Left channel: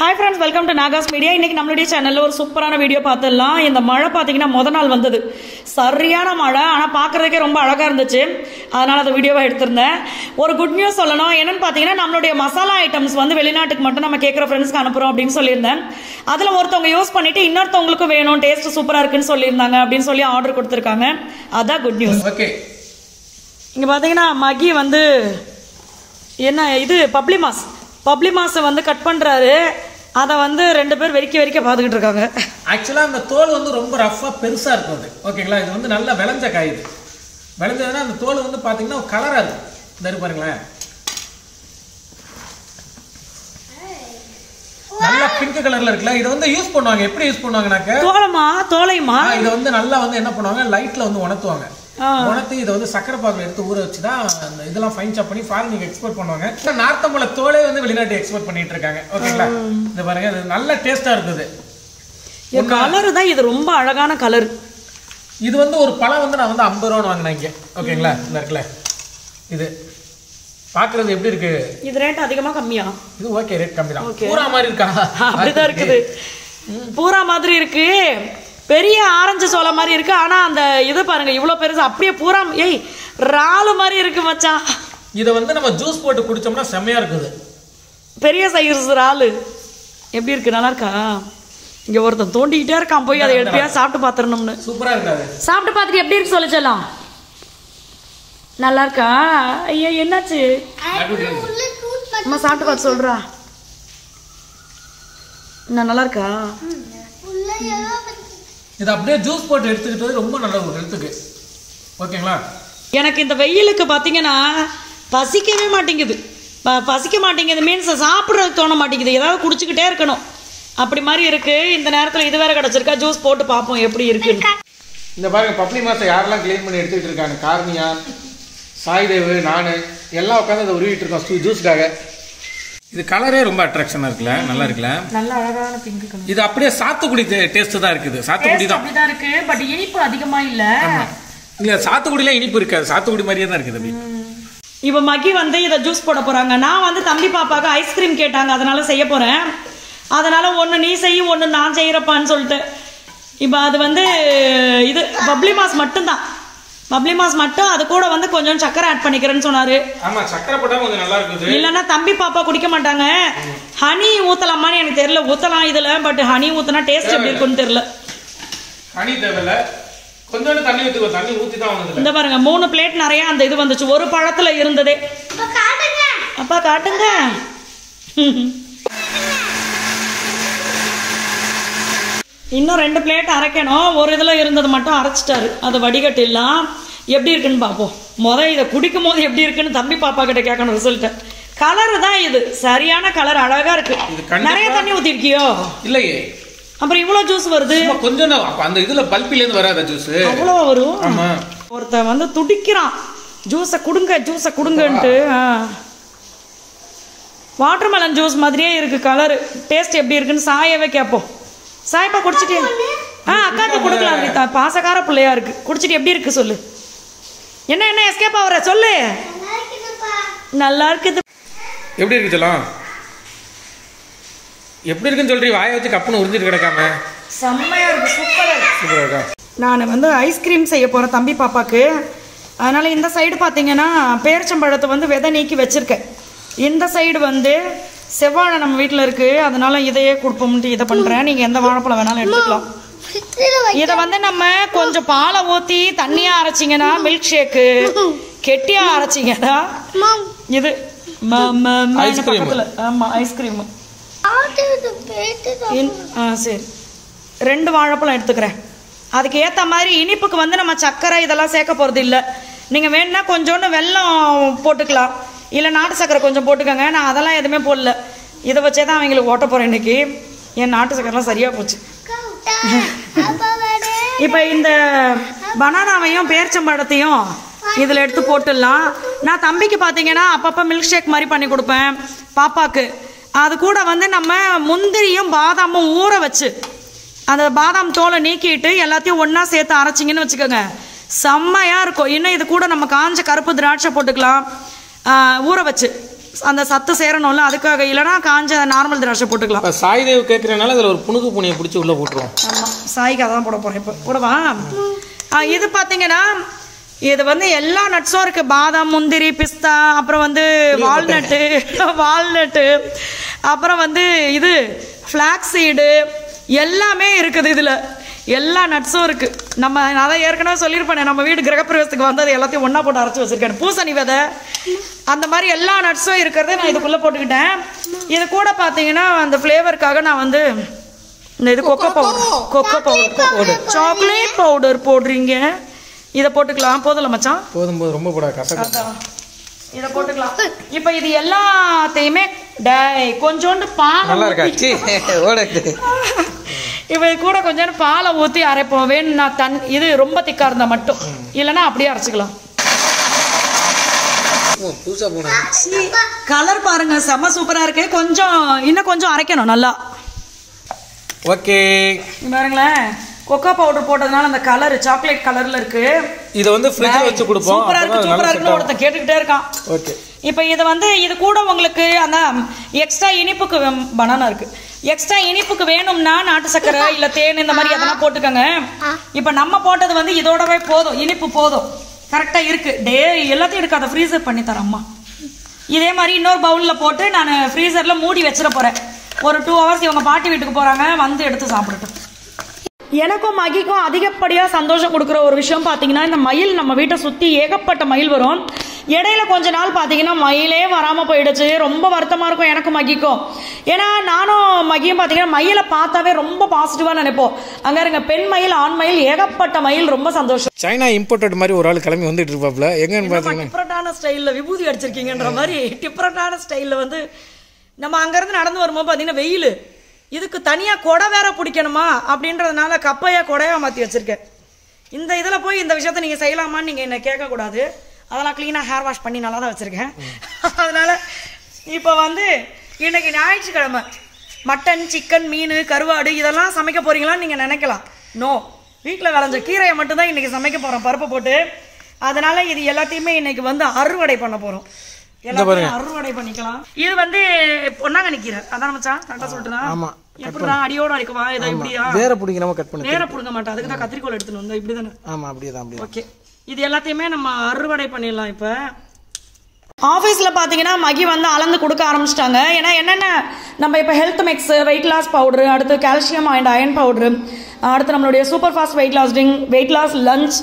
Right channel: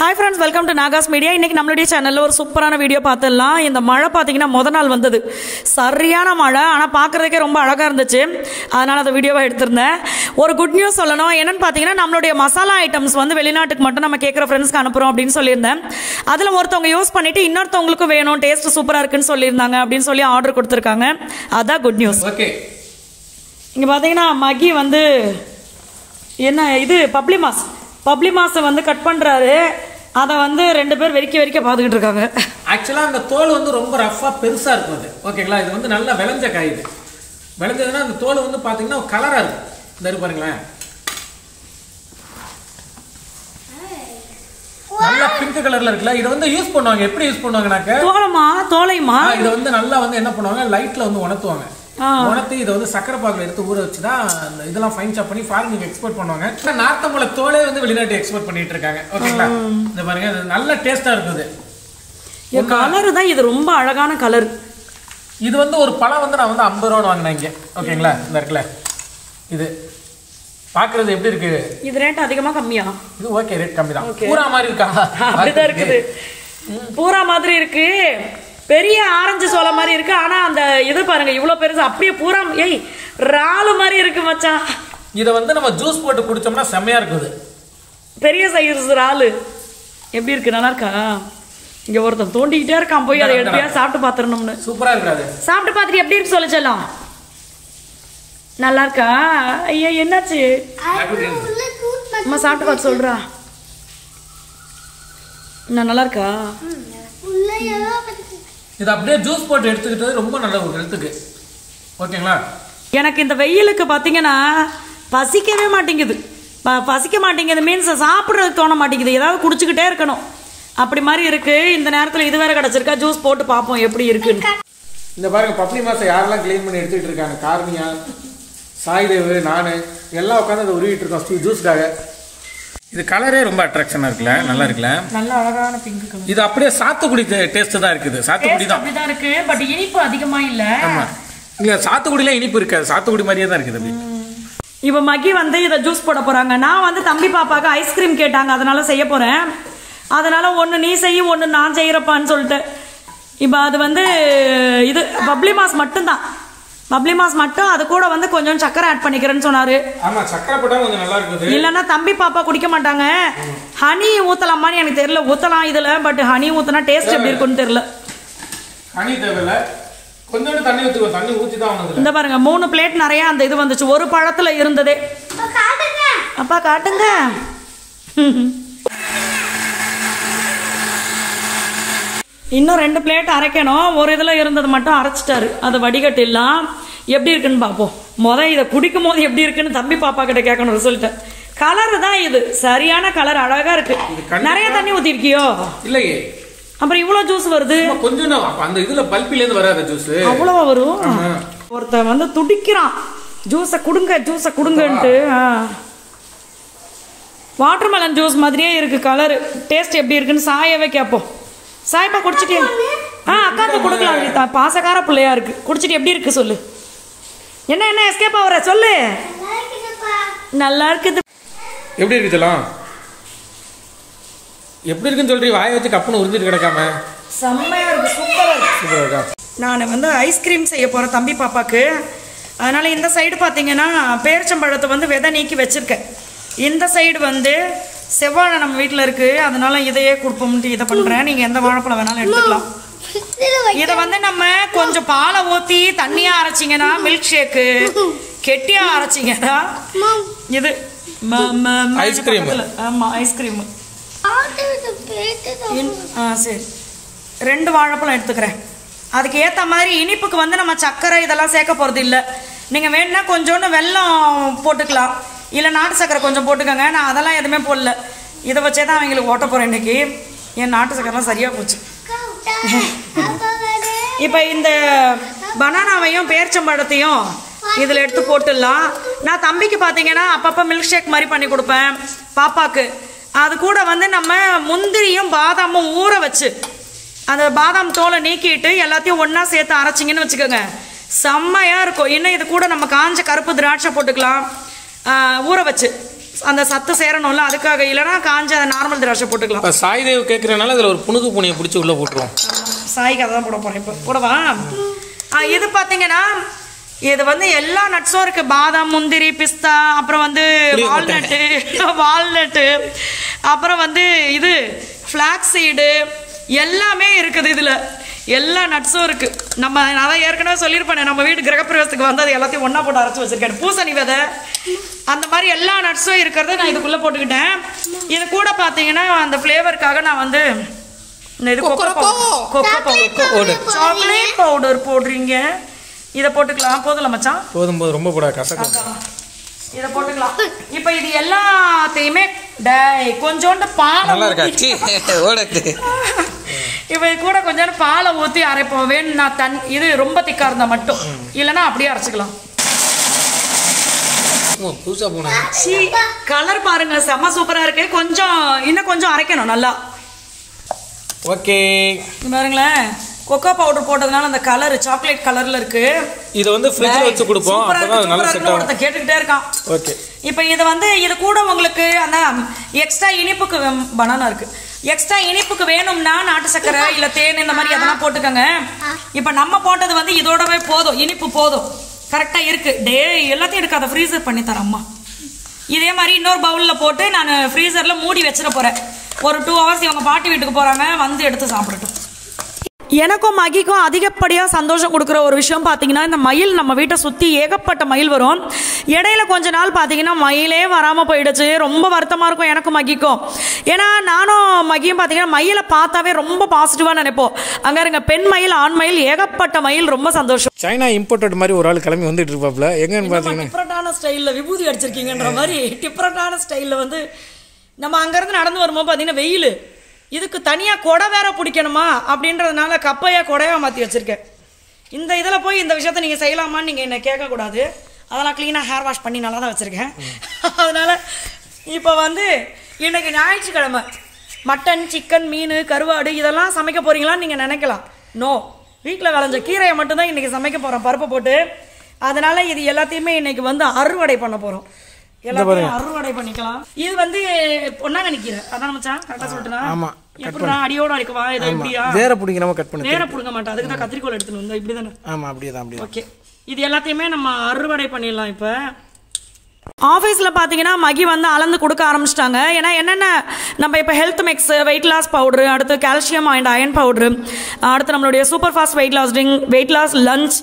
Hi friends, welcome to Nagas Media. இன்னைக்கு நம்மளுடைய சேனல்ல ஒரு சூப்பரான வீடியோ பார்த்தலாம். இந்த மழை பாத்தீங்கன்னா முத நாள் வந்தது. சரியான மழை, ஆனா பார்க்கிறதுக்கே ரொம்ப அழகா இருந்துச்சு. அதனால அந்த வீடியோவை எடுத்துறேன். ஒரு குட் நியூஸ் சொல்லணும். என்னன்னு பாத்தீங்கன்னா நம்மளுடைய மசாலா ஐட்டம்ஸ் வந்து வெளிநாட்டுக்கு மட்டும் நம்ம கேக்குற ஃப்ரெண்ட்ஸ்க்கு அனுப்புறோம் அப்படின்னு சொல்லியிருந்தேன். அதுல ஒருத்தவங்க யூஸ் பண்ணிட்டு இன்னொருத்தவங்களுக்கு வேணும், டேஸ்ட் சூப்பரா இருக்குன்னு சொல்லியிருந்தாங்க அப்படின்னு சொல்லி ஆர்டர் கொடுத்திருக்காங்க. அதான் குட் நியூஸ். ஓகே, இங்க பாத்தீங்கன்னா மகி வந்து என்ன இது பப்ளி மாஸ் வந்து கட் பண்றாரு. அதை வந்து ரெண்டு பேர் வெறிக்க பார்த்துக்கிட்டு இருக்காங்க. ஆக்சுவலா அந்த தோல் வந்து ரொம்ப ரஃபா பெருசா இருக்கும் அது. ஓகேங்களா, இது வந்து நல்லா விளைஞ்ச காய். இது விளைஞ்சதுன்னா அந்த தோல் வந்து பாத்தீங்கன்னா கலரா இருக்கும். இந்த இருக்கு பாருங்களேன், நல்லா பிங்க் கலர்ல இருக்குல்ல. இதை வந்து யூஸ் பண்ணுவாங்க. எப்படி யூஸ் பண்ணுவாங்கனாக்க தோலைமா இதை வந்து நல்லா வந்து என்ன பண்ணுவாங்க, லைட்ல வந்து உணர்த்துவாங்க. உணர்த்தி இதை வந்து சக்கரை பாகுல எடுத்து ஊற வச்சுதான் இந்த இதெல்லாம் ஃபைன் சாப் பண்ணி ஃபாரினுக்கு எக்ஸ்போர்ட் பண்ணுவாங்க. நார்த்தம்பழ தோலே வந்து வெளிநாட்டு எக்ஸ்போர்ட் பண்ணிட்டு இருக்காங்க. ஓகேங்களா, இந்த பாருங்க, நல்ல டேஸ்டா இருக்குது. கலர் தான் இது, ரொம்ப அழகான கலர். இது வந்து ஒரு பழம் வந்து நான் வந்து 50 ரூபான்னு வாங்கினேன் இங்க. ஓகேங்களா, இந்த இருக்குல்ல, இது பாக்குறது எப்படி இருக்கு? இது ரேட் அதிகமா கம்மியா? இது ஓகே, ரேட் கம்மி தான். பூரா மாதிரி இருக்கா? அப்படிதான் இருக்குது, பூரா மாதிரி இருக்கு. பெரிய ஆரஞ்சு சோளம் மாதிரி இருக்கு. ஆனா அந்த இது பாருங்க இவ்வளவு பெருசு, அப்படியே பூரா ராலு மாதிரி இருக்கு மச்சான். இதை வந்து நம்ம ஜூஸ் போட்டு குடிச்சோம்னா செம்மையா இருக்குது. பெரிய சைஸ் ராலு எப்படி இருக்கு? நல்லா இருக்கா? இங்க ஒருத்தன் தோண்டிக்கிட்டே இருக்கான், போய் அதை எப்படியா சாப்பிட்டு பாத்துறணும்னு. சூப்பரா இருக்காது. சாப்பிட்டு பாத்துட்டு எப்படி இருக்கு சொல்லு செல்லம். நல்லா இருக்கா? ஐயா என்னாச்சு அம்மா? சாப்பிட்டு பார்த்து சொல்றா. நல்லா இருக்கா? இது அப்படியே ஜூஸ் போட்டு எடுத்துக்கிட்டது ரொம்ப நல்ல ஒரு ஹெல்த்துக்கு. ஓகேங்களா, எனக்கு இந்த வெயிலுக்கு பார்த்தீங்கன்னா பசிக்கவே மாட்டேங்குது. பசிக்க மாட்டேங்குது மீன்ஸ் சாப்பிட்றதுக்கு தோண மாட்டேங்குது. ஏதாவது குடிச்சுக்கிட்டே இருக்கணும் அப்படி மாதிரி இருக்கு. இந்த நேரத்தில் இது வேற கிடச்சிருக்கா, ஜூஸ் போட்டு பார்ப்போம் எப்படி இருக்குன்னு. இந்த பாருங்க, பப்ளி மாசை யாரெல்லாம் கிளீன் பண்ணி எடுத்துக்கிட்டு இருக்காங்க, கார்னியா, சாய்தேவு, நான் எல்லாம் உட்காந்து அதை உருவிட்டு இருக்கோம் ஜூஸ்க்காக. இது கலரே ரொம்ப அட்ராக்ஷனா இருக்குல்ல, நல்லா இருக்குல்ல, நல்ல அழகான பிங்க் கலர். இது அப்படியே சாத்துக்குடி டேஸ்ட் தான் இருக்குது. சாத்துக்குடி தான் அப்படிதான் இருக்கு, பட் இனிப்பு அதிகமா இல்ல. இல்ல, சாத்துக்குடில இனிப்பு இருக்காது, சாத்துக்குடி மாதிரியே தான் இருக்குது அப்படி. இப்ப மகி வந்து இதை ஜூஸ் போட போறாங்க. நான் வந்து தம்பி பாப்பாக்கு ஐஸ்கிரீம் கேட்டாங்க, அதனால செய்ய போறேன். அதனால ஒன்னு நீ செய்ய, ஒன்னு நான் செய்யறப்பான்னு சொல்லிட்டு. இப்ப அது வந்து இது பப்ளி மாஸ் மட்டும்தான், பப்ளி மாஸ் மட்டும். அது கூட வந்து கொஞ்சம் சக்கரை ஆட் பண்ணிக்கிறேன்னு சொன்னாரு. ஆமா, சக்கரை போட்டா கொஞ்சம் நல்லா இருக்குது. இல்லன்னா தம்பி பாப்பா குடிக்க மாட்டாங்க. ஹனி ஊத்தலாமான்னு எனக்கு தெரியல. ஊத்தலாம் இதுல, பட் ஹனி ஊத்தினா டேஸ்ட் எப்படி இருக்குன்னு தெரியல. ஹனி தேவையில்ல, கொஞ்சோண்டு தண்ணி ஊத்திக்கோ. தண்ணி ஊத்தி தான் வந்தது. இந்த பாருங்க 3 பிளேட் நிறைய அந்த இது வந்துச்சு, ஒரு பழத்துல இருந்ததே. அப்பா காட்டுங்க. இன்னும் 2 பிளேட் அரைக்கணும். ஒரு இதுல இருந்தது மட்டும் அரைச்சிட்டாரு. அதை வடிகட்டிடலாம். எப்படி இருக்குன்னு பார்ப்போம். இதை குடிக்கும் போது எப்படி இருக்குன்னு தம்பி பாப்பா கிட்ட கேட்கணும் ரிசல்ட். கலர் தான் இது, சரியான கலர், அழகா இருக்கு. நிறைய தண்ணி ஊத்தி இருக்கியோ? இல்லையே, அப்புறம் இவ்வளவு ஜூஸ் வருது. கொஞ்சம் அந்த இதுல பல்பில இருந்து வராத ஜூஸ் அவ்வளவு வரும். ஒருத்த வந்து துடிக்கிறான், ஜூஸை கொடுங்கன்ட்டு. வாட்டர்மெலன் ஜூஸ் மாதிரியே இருக்கு கலர். டேஸ்ட் எப்படி இருக்குன்னு சாயவே கேட்போம். சாய்ப்பா குடிச்சிட்டே? அக்காக்கு கொடுக்கலாம். பாசக்கார பிள்ளையா இருக்கு. குடிச்சிட்டு எப்படி இருக்கு சொல்லு. என்ன எஸ்கேப் ஆகுற சொல்லு. நல்லா இருக்குது. எப்படி இருக்கு சொல்லலாம்? எப்படி இருக்குன்னு சொல்றீ? வாயை வச்சு கப்புன்னு உறிஞ்சிட்டு கிடக்காம. செம்மையா இருக்கு, சூப்பரா இருக்கா. நான் வந்து ஐஸ்கிரீம் செய்ய போறேன் தம்பி பாப்பாக்கு. அதனால இந்த சைடு பாத்தீங்கன்னா பேரிச்சம்பழத்தை வந்து விதை நீக்கி வச்சிருக்கேன். இந்த சைடு வந்து செவ்வாழை நம்ம வீட்டில் இருக்கு, அதனால இதையே கொடுப்போம்ட்டு இதை பண்றேன். நீங்க எந்த வாழைப்பழம் வேணாலும் எடுத்துக்கலாம். இதை வந்து நம்ம கொஞ்சம் பாலை ஊத்தி தண்ணியா அரைச்சிங்கன்னா மில்க் ஷேக்கு, கெட்டியா அரைச்சிங்கன்னா இது ஐஸ்கிரீம். ஆமா, ஐஸ்கிரீம். சரி, 2 வாழைப்பழம் எடுத்துக்கிறேன். அதுக்கு ஏற்ற மாதிரி இனிப்புக்கு வந்து நம்ம சர்க்கரை இதெல்லாம் சேர்க்க போறது இல்லை. நீங்க வேணும்னா கொஞ்சோண்டு வெல்லம் போட்டுக்கலாம், இல்லை நாட்டு சக்கரை கொஞ்சம் போட்டுக்கோங்க. நான் அதெல்லாம் எதுவுமே போடல. இதை வச்சே தான் அவங்களுக்கு ஓட்ட போறேன் இன்னைக்கு. என் நாட்டு சக்கரெல்லாம் சரியா போச்சு. இப்போ இந்த பனானாவையும் பேரிச்சம்பழத்தையும் இதில் எடுத்து போட்டுடலாம். நான் தம்பிக்கு பார்த்தீங்கன்னா அப்பப்போ மில்க் ஷேக் மாதிரி பண்ணி கொடுப்பேன் பாப்பாக்கு. அது கூட வந்து நம்ம முந்திரியும் பாதாமும் ஊற வச்சு அந்த பாதாம் தோலை நீக்கிட்டு எல்லாத்தையும் ஒன்றா சேர்த்து அரைச்சிங்கன்னு வச்சுக்கோங்க, செம்மையாக இருக்கும். இன்னும் இது கூட நம்ம காஞ்ச கருப்பு திராட்சை போட்டுக்கலாம் ஊற வச்சு. அந்த சத்து சேரணும்ல, அதுக்காக. இல்லைன்னா காஞ்ச நார்மல் திராட்சை போட்டுக்கலாம். இப்போ சாய்தேவ் கேட்குறனால அதில் ஒரு புணுகு பூனியை பிடிச்சி உள்ளே போட்டுருவோம். ஆமாம், சாய்க்கு அதான் போட போகிறேன் இப்போ. போடவா? இது பார்த்தீங்கன்னா இது வந்து எல்லா நட்ஸும் இருக்கு. பாதாம், முந்திரி, பிஸ்தா, அப்புறம் வந்து வால்நட்டு, அப்புறம் வந்து இது ஃப்ளாக்ஸ் சீடு எல்லாமே இருக்குது. இதில் எல்லா நட்ஸும் இருக்கு. நம்ம நான் ஏற்கனவே சொல்லியிருப்பேன், நம்ம வீடு கிரகப்பிரவேசத்துக்கு வந்து அது எல்லாத்தையும் ஒன்றா போட்டு அரைச்சி வச்சிருக்கேன். பூசணி விதை அந்த மாதிரி எல்லா நட்ஸும் இருக்கிறத நான் இதுக்குள்ளே போட்டுக்கிட்டேன். இது கூட பார்த்தீங்கன்னா அந்த ஃப்ளேவருக்காக நான் வந்து இது சாக்லேட் பவுடர் போடுறீங்க. இதை போட்டுக்கலாம். போதும்ல மச்சான்? போதும் ரொம்ப போடாது, கசக்கும். இதை போட்டுக்கலாம். இப்போ இது எல்லாத்தையுமே கொஞ்சோண்டு பால் நல்லா இருக்காச்சு. இப்போ கூட கொஞ்சோண்டு பாலை ஊற்றி அரைப்போம். வேணும்னா இது ரொம்ப திக்கா இருந்தா மட்டும், இல்லைன்னா அப்படியே அரைச்சிக்கலாம். கலர் பாருங்க, செம்ம சூப்பரா இருக்கு. இன்னும் கொஞ்சம் அரைக்கணும் நல்லா. ஓகே, பாருங்களேன், கொக்கோ பவுடர் போட்டதுனால அந்த கலர் சாக்லேட் கலர்ல இருக்கு. இதை வந்து ஃப்ரிட்ஜ்ல வச்சு கொடுப்போம். அப்பதான் நல்லா செட் ஆகும். கேட்டுக்கிட்டே இருக்கான். ஓகே, இப்போ இது வந்து இது கூட உங்களுக்கு அந்த எக்ஸ்ட்ரா இனிப்புக்கு பனானா இருக்கு. எக்ஸ்ட்ரா இனிப்புக்கு வேணும்னா நாட்டு சக்கரை இல்ல தேன் இந்த மாதிரி அதெல்லாம் போட்டுக்கோங்க. இப்போ நம்ம போட்டது வந்து இதோடவே போதும், இனிப்பு போதும், கரெக்டா இருக்கு. எல்லாத்தையும் எடுக்காத, ஃப்ரீசர் பண்ணி தரேன் அம்மா. இதே மாதிரி இன்னொரு பவுல்ல போட்டு நான் ஃப்ரீசர்ல மூடி வச்சிட போறேன். ஒரு 2 hours இவங்க பாட்டி வீட்டுக்கு போறாங்க, வந்து எடுத்து சாப்பிடட்டும். எனக்கும் மகிக்கும் அதிகப்படியாக சந்தோஷம் கொடுக்குற ஒரு விஷயம் பார்த்தீங்கன்னா, இந்த மயில் நம்ம வீட்டை சுற்றி ஏகப்பட்ட மயில் வரும். இடையில கொஞ்ச நாள் பார்த்தீங்கன்னா மயிலே வராமல் போயிடுச்சு. ரொம்ப வருத்தமாக இருக்கும் எனக்கும் மகிக்கும். ஏன்னா நானும் மகியும் பார்த்தீங்கன்னா மயிலை பார்த்தாவே ரொம்ப பாசிட்டிவாக நினைப்போம். அங்கே இருங்க, பெண் மயில், ஆண் மயில், ஏகப்பட்ட மயில். ரொம்ப சந்தோஷம். சைனா இம்போர்ட்டட் மாதிரி ஒரு ஆள் கிளம்பி வந்துட்டு இருப்பாப்ல. எங்கன்னு பார்த்தீங்கன்னா டிஃப்ரெண்டான ஸ்டைலில் விபூதி அடிச்சிருக்கீங்கன்ற மாதிரி டிஃப்ரெண்டான ஸ்டைலில் வந்து நம்ம அங்கேருந்து நடந்து வரும்போது பார்த்தீங்கன்னா வெயில், இதுக்கு தனியாக கொடை வேற பிடிக்கணுமா அப்படின்றதுனால கப்பையா கொடையா மாற்றி வச்சிருக்கேன். இந்த இதில் போய் இந்த விஷயத்த நீங்கள் செய்யலாமான்னு நீங்கள் என்னை கேட்கக்கூடாது. அதெல்லாம் க்ளீனாக ஹேர் வாஷ் பண்ணி நல்லா தான் வச்சுருக்கேன். அதனால் இப்போ வந்து இன்னைக்கு ஞாயிற்றுக்கிழமை மட்டன், சிக்கன், மீன், கருவாடு இதெல்லாம் சமைக்க போறீங்களான்னு நீங்கள் நினைக்கலாம். நோ, வீட்டில் விளைஞ்ச கீரையை மட்டும்தான் இன்னைக்கு சமைக்க போகிறோம் பருப்பை போட்டு. அதனால இது எல்லாத்தையுமே இன்னைக்கு வந்து அறுவடை பண்ண போகிறோம். எல்லாத்தையும் அறுவடை பண்ணிக்கலாம். இது வந்து பொன்னாங்க நிக்கிற அதான் மச்சான், கரெக்டா சொல்லிட்டேன். ஆமா, எப்படிடா அடியோட அடிக்கவா? இதை இப்படியா வேற பிடிக்காம கட் பண்ணி வேற பிடுங்க மாட்டேன். அதுக்கு தான் கத்திரிக்கோல் எடுத்துன்னு வந்தோம். இப்படி தானே? ஆமா, அப்படியே தான். ஓகே, இது எல்லாத்தையுமே நம்ம அறுவடை பண்ணிடலாம். இப்போ ஆஃபீஸில் பார்த்தீங்கன்னா மகி வந்து அளந்து கொடுக்க ஆரம்பிச்சிட்டாங்க. ஏன்னா என்னென்ன நம்ம இப்போ health mix, weight loss powder, அடுத்து கால்சியம் அண்ட் அயன் பவுடரு, அடுத்து நம்மளுடைய super fast weight loss drink, weight loss lunch,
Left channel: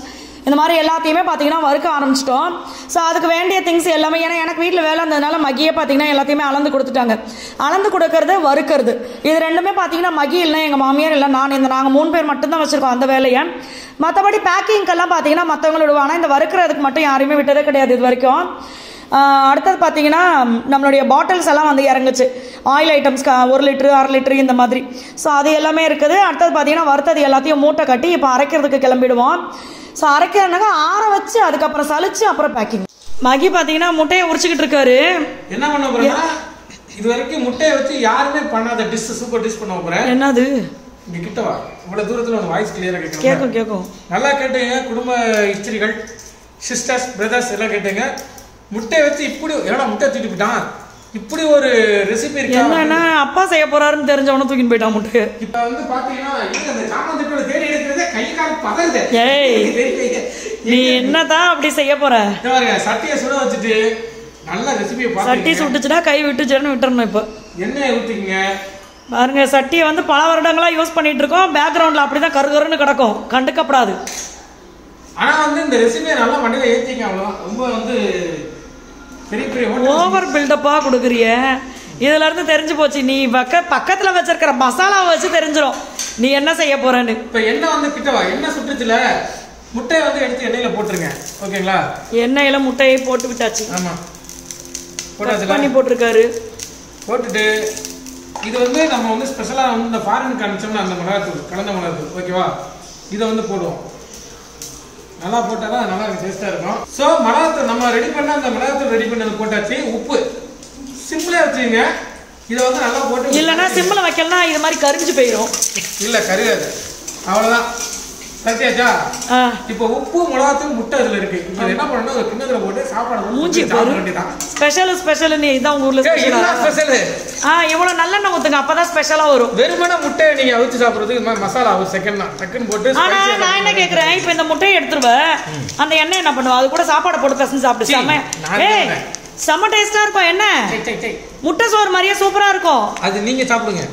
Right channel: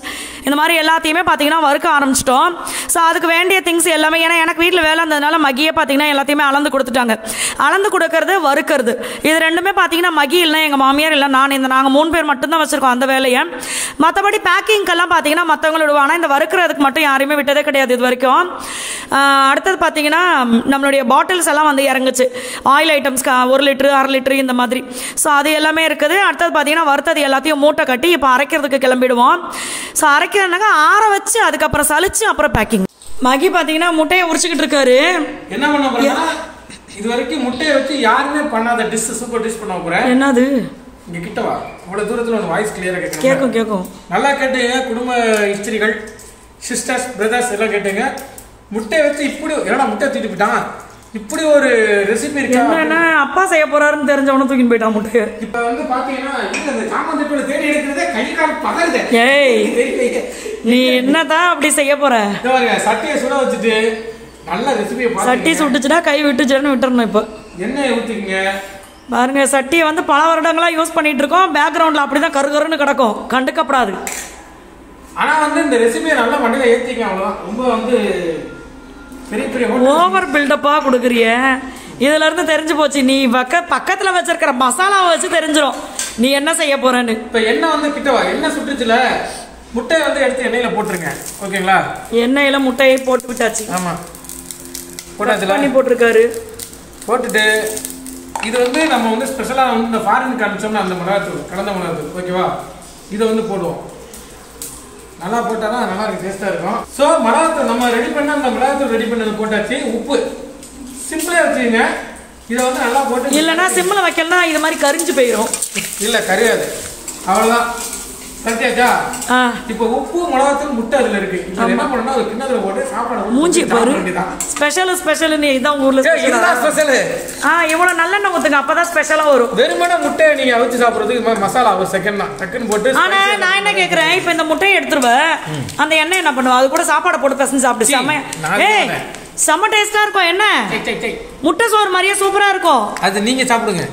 இந்த மாதிரி எல்லாத்தையுமே பார்த்தீங்கன்னா வறுக்க ஆரம்பிச்சிட்டோம். ஸோ அதுக்கு வேண்டிய திங்ஸ் எல்லாமே, ஏன்னா எனக்கு வீட்டில் வேலை இருந்ததுனால மகியே பார்த்தீங்கன்னா எல்லாத்தையுமே அளந்து கொடுத்துட்டாங்க. அளந்து கொடுக்கறது, வறுக்கிறது, இது ரெண்டுமே பார்த்தீங்கன்னா மகி இல்லை, எங்கள் மாமியார் இல்லை, நாங்கள் 3 பேர் மட்டும்தான் வச்சிருக்கோம் அந்த வேலையை. மற்றபடி பேக்கிங்கெல்லாம் பார்த்தீங்கன்னா மற்றவங்களோட, ஆனால் இந்த வறுக்கிறதுக்கு மட்டும் யாரையுமே விட்டதே கிடையாது இது வரைக்கும். அடுத்தது பார்த்தீங்கன்னா நம்மளுடைய பாட்டில்ஸ் எல்லாம் வந்து இறங்குச்சு. ஆயில் ஐட்டம்ஸ் 1 லிட்டரு, 1/2 லிட்டரு இந்த மாதிரி. ஸோ அது எல்லாமே இருக்குது. அடுத்தது பார்த்தீங்கன்னா வறுத்தது எல்லாத்தையும் மூட்டை கட்டி இப்போ அரைக்கிறதுக்கு கிளம்பிடுவோம். ஸோ அரைக்கிறதுனாக்க ஆற வச்சு அதுக்கப்புறம் சலிச்சு அப்புறம் பேக்கிங். மகி பார்த்தீங்கன்னா முட்டையை உரிச்சுக்கிட்டு இருக்காரு. என்ன பண்ண போறேன்னா, இது வரைக்கும் முட்டையை வச்சு யாருமே பண்ணாத டிஷ், சூப்பர் டிஷ் பண்ண போறேன். என்னது? இங்க கிட்ட வா, இவ்வளவு தூரத்துல ஒரு வாய்ஸ் கிளியரா கேட்கும். நல்லா கேட்டுங்க. குடும்ப இஸ்திரிகள், சிஸ்டர்ஸ், பிரதர்ஸ் எல்லாம் கேட்டுங்க. முட்டையை வச்சு இப்படி என்னடா முட்டை தூக்கிட்டு போயிட்டான், இப்படி ஒரு ரெசிபி இருக்கு. என்னன்னா அப்பா செய்ய போறாருன்னு தெரிஞ்சவன தூக்கிட்டு போயிட்டான் முட்டையை. இப்ப வந்து பாத்தீங்கன்னா இந்த சாமான் தேடி எடுக்கிறதே கை கால் பதறுது. நீ என்னதான் அப்படி செய்ய போற? சட்டியை சுட வச்சுட்டு நல்ல ரெசிபியை சட்டி சுட்டுச்சுன்னா கை விட்டுச்சுன்னு விட்டுறணும். இப்போ எண்ணெயை ஊத்திக்கங்க. பாருங்க, சட்டியை வந்து பல வருடங்களா யூஸ் பண்ணிட்டு இருக்கோம். பேக்ரவுண்ட்ல அப்படிதான் கருகருன்னு கிடக்கும், கண்டுக்கப்படாது. ஆனா வந்து இந்த ரெசிபியை நல்லா மண்ணில ஏத்திங்க, அவ்வளவுதான். ரொம்ப வந்து பெரிய ஓவர் பில்டப்பா கொடுக்குறிய. இதுல இருந்து தெரிஞ்சு போச்சு, நீ பக்கத்துல வச்சிருக்கிற மசாலாவை வச்சு தெரிஞ்சிடும் நீ என்ன செய்ய போறன்னு. இப்ப எண்ணெய் வந்து கிட்டவா, எண்ணெய் சுட்டுச்சுல, முட்டையை வந்து எடுத்து எண்ணெயில போட்டுருங்க. ஓகேங்களா? எண்ணெயில முட்டையை போட்டு விட்டாச்சு. ஆமா, பண்ணி போட்டிருக்காரு. போட்டுட்டு இது வந்து நம்ம வந்து ஸ்பெஷலா வந்து இந்த ஃபாரினுக்கு அனுப்பிச்சோம்னா அந்த மிளகாத்தூள், கலந்த மிளகாத்தூள், ஓகேவா? இதை வந்து போடுவோம். நல்லா போட்டாதான் நல்லா டேஸ்டா இருக்கும். ஸோ மிளகாத்தூள் நம்ம ரெடி பண்ண அந்த மிளகாத்தூள் ரெடி பண்ணது போட்டாச்சு. உப்பு சிம்பிளா வச்சுங்க. இதை வந்து நல்லா போட்டு, இல்லைன்னா சிம்பிள வைக்கலன்னா இது மாதிரி கரிஞ்சு போயிடும். இல்லை கரியாது, அவ்வளோதான். சரியாச்சா? இப்போ உப்பு மிளகாத்தூள் முட்டை அதுல இருக்கு. இப்போ என்ன பண்ணனும், ஒரு கிண்ணத்துல போட்டு சாப்பாடு மூஞ்சி பாரு. ஸ்பெஷல் நீ இதான் உங்க ஊர்ல ஸ்பெஷல். இவ்வளவு நல்லெண்ணெய் ஊத்துங்க, அப்பதான் ஸ்பெஷலா வரும். வெறுமனே முட்டை நீங்க அவிச்சு சாப்பிடுறதுக்கு இந்த மாதிரி மசாலா ஒரு செகண்ட் தான் டக்குன்னு போட்டு. ஆனா நான் என்ன கேக்குறேன், இப்போ இந்த முட்டையை எடுத்துருவேன், அந்த எண்ணெய் என்ன பண்ணுவா, அது கூட சாப்பாடு போட்டு பசங்க சாப்பிட்டு செம்ம டேஸ்டா இருக்கும். என்ன முட்டை சோறு மாதிரியே சூப்பரா இருக்கும். அது நீங்க சாப்பிடுங்க,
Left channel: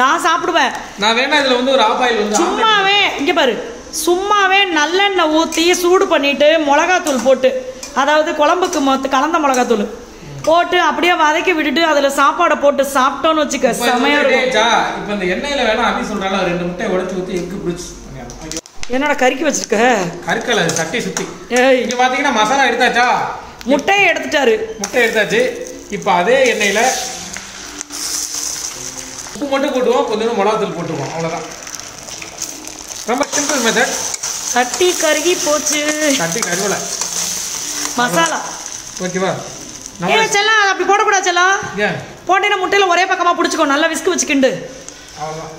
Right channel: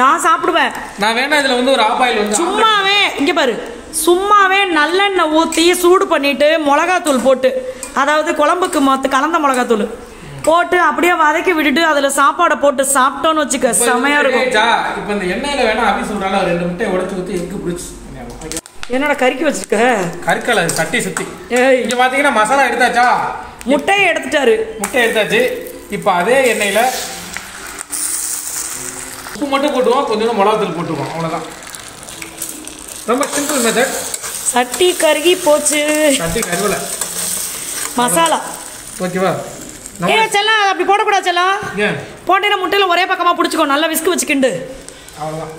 நான் சாப்பிடுவேன். நான் வேணா இதுல வந்து ஒரு ஆபாயில் வந்து சும்மாவே இங்க பாரு, சும்மாவே நல்லெண்ணெய் ஊத்தி சூடு பண்ணிட்டு மிளகாத்தூள் போட்டு, அதாவது குழம்புக்கு கலந்த மிளகாத்தூள் போட்டு அப்படியே வதக்கி விட்டுட்டு அதுல சாப்பாடை போட்டு சாப்பிட்டோன்னு வச்சுக்க செமையா இருக்கும். இப்ப இந்த எண்ணெயில வேணா அப்படி சொல்றால 2 முட்டையை உடைச்சு ஊத்தி எக்கு பிடிச்சு. என்னடா கறிக்கு வச்சிருக்க? கறிக்கல, சட்டி சுத்தி. இங்க பாத்தீங்கன்னா மசாலா எடுத்தாச்சா? முட்டையை எடுத்துட்டாரு. முட்டை எடுத்தாச்சு. இப்ப அதே எண்ணெயில உப்பு மட்டும் போட்டுவோம், கொஞ்சம் மிளகாத்தூள் போட்டுவோம், அவ்வளவுதான். ரொம்ப சிம்பிள் மெத்தட். சட்டி கருகி போச்சு. சட்டி கருவல மசாலா ஓகேவா? செல்லாம் அப்படி போடக்கூடாது செல்லாம். போட்டீங்கன்னா முட்டையில ஒரே பக்கமா பிடிச்சிக்கோ, நல்லா விஸ்கு வச்சுக்கிண்டு. அவ்வளவுதான்.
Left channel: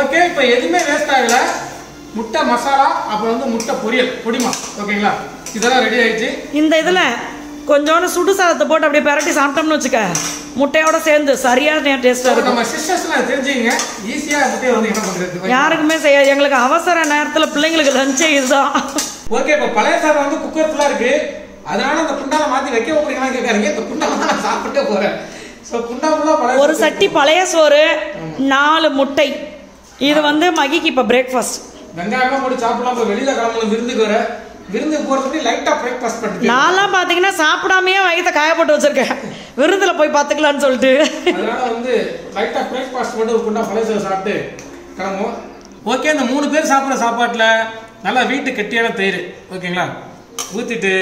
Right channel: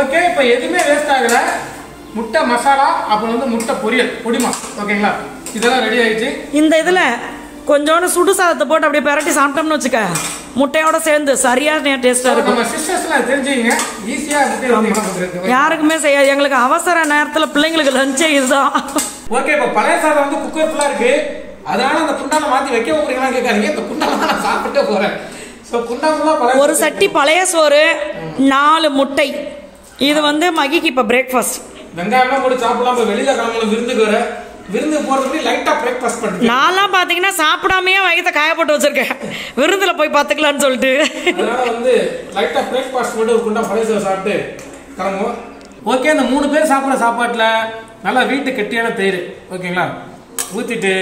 ஓகே, இப்போ எதுவுமே வேஸ்ட் ஆகல. முட்டை மசாலா, அப்புறம் வந்து முட்டை பொரியல் பொடிமா, ஓகேங்களா? இதெல்லாம் ரெடி ஆயிடுச்சு. இந்த இதுல கொஞ்சோண்டு சுடு சாதத்தை போட்டு அப்படியே பரட்டி சாப்பிட்டோம்னு வச்சுக்க, முட்டையோட சேர்ந்து சரியான டேஸ்டா இருக்கும். நம்ம சிஸ்டர்ஸ்லாம் தெரிஞ்சுங்க, ஈஸியா முட்டை வந்து என்ன பண்றது யாருக்குமே செய்யாது. எங்களுக்கு அவசர நேரத்துல பிள்ளைங்களுக்கு லஞ்சே இதுதான். ஓகே, இப்போ பழைய சாதம் வந்து குக்கர் ஃபுல்லா இருக்கு, அதனால அந்த குண்டால மாத்தி வைக்க போறீங்களா கேட்காதீங்க. இந்த குண்டால தான் நான் சாப்பிட்டே போறேன். சோ குண்டா ஃபுல்லா பழைய ஒரு சட்டி பழைய சோறு, 4 முட்டை. இது வந்து மகிக்கு இப்ப பிரேக்ஃபாஸ்ட். வெங்காயம்லாம் போட்டு சாப்பிடலாம். வெளியில கிளம்புல விருந்துக்கு வர, விருந்து போறதுக்கு லைட்டா பிரேக்ஃபாஸ்ட் பண்ணிட்டு நான்லாம் பாத்தீங்கன்னா சாப்பிடாமயே வயித்தை காய போட்டு வச்சிருக்கேன், விருந்துல போய் பாத்துக்கலாம்னு சொல்லிட்டு. அதனால வந்து லைட்டா பிரேக்ஃபாஸ்ட் மட்டும் ஒரு குண்டா பழைய சோறு சாப்பிட்டு கிளம்புவோம். ஓகே, இந்த 3 பேர் சாப்பிட்ற சாப்பாட்டுல நல்லா வீட்டு கெட்டியான தயிர், ஓகேங்களா, ஊத்திட்டு,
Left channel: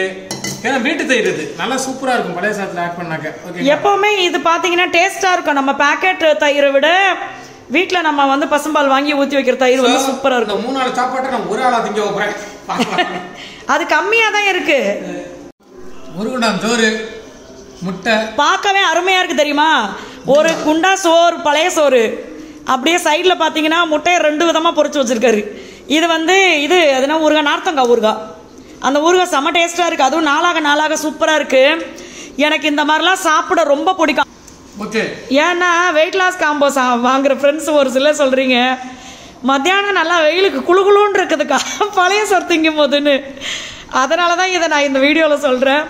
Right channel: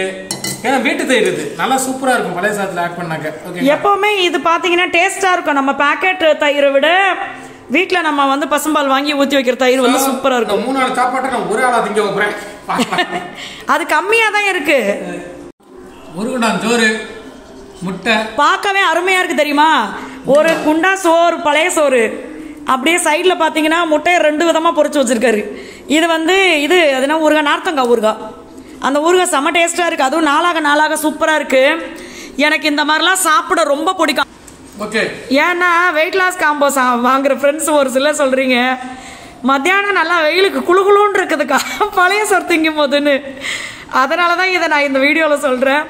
ஏன்னா வீட்டு தயிர் இது நல்லா சூப்பரா இருக்கும் பழைய சாதத்துல ஆட் பண்ணாக்க. ஓகே, எப்பவுமே இது பாத்தீங்கன்னா டேஸ்டா இருக்கும். நம்ம பேக்கெட் தயிரை விட வீட்டுல நம்ம வந்து பசும்பால் வாங்கி ஊத்தி வைக்கிற தயிர் வந்து சூப்பரா இருக்கும். 3 நாள் சாப்பாட்டை நான் ஒரு ஆளா திங்க வைக்கிறேன். அது கம்மியா தான் இருக்கு. ஒரு குண்டா சோறு, முட்டை பார்க்கவே அருமையா இருக்கு தெரியுமா? ஒரு குண்டா சோறு, பழைய சோறு, அப்படியே சைட்ல பாத்தீங்கன்னா முட்டையை 2 விதமா பொரிச்சு வச்சிருக்காரு. இது வந்து இது அதுனா ஊறுகாய், நார்த்தங்காய் ஊறுகாய். அந்த ஊறுகாய் செம்ம டேஸ்டா இருக்கு. அதுவும் நாளாக சூப்பரா இருக்கு. எனக்கு இந்த மாதிரிலாம் சாப்பிட ரொம்ப பிடிக்கும். ஏன்னா வெயிட் லாஸ் காம்போ வாங்குற ஃப்ரெண்ட்ஸ் ஒரு சிலர் சொல்றீங்க, மத்தியானம் நல்லா வெயிலுக்கு குளுகுளுன்னு இருக்குதுக்கா பழைய சோறு திங்கும் போதுன்னு. அதனால தான் இதை நான் இந்த வீடியோவில் சொல்கிறேன்.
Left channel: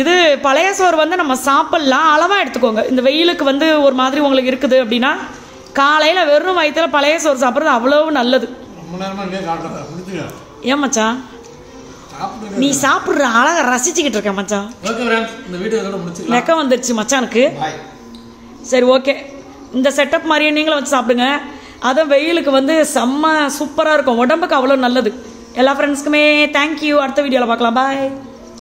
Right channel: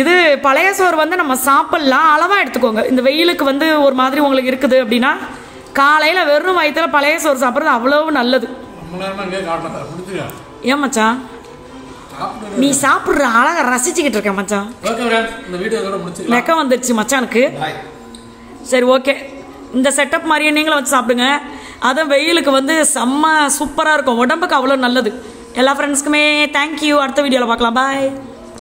இது பழைய சோறு வந்து நம்ம சாப்பிட்லாம், அளவாக எடுத்துக்கோங்க. இந்த வெயிலுக்கு வந்து ஒரு மாதிரி உங்களுக்கு இருக்குது அப்படின்னா காலையில் வெறும் வயிற்றுல பழைய சோறு சாப்பிட்றது அவ்வளவு நல்லது. ஏன் மச்சான் நீ சாப்பிட்ற அழகை ரசிச்சுக்கிட்டு இருக்க மச்சான். நெக்க வந்துடுச்சு மச்சானுக்கு. சரி ஓகே, இந்த செட்டப் மாதிரியே நீங்களும் வச்சு சாப்பிடுங்க. அதுவும் வெயிலுக்கு வந்து செம்ம சூப்பராக இருக்கும், உடம்புக்கு அவ்வளோ நல்லது. எல்லா ஃப்ரெண்ட்ஸ்க்குமே தேங்க்யூ. அடுத்த வீடியோவில் பார்க்கலாம். பாய்.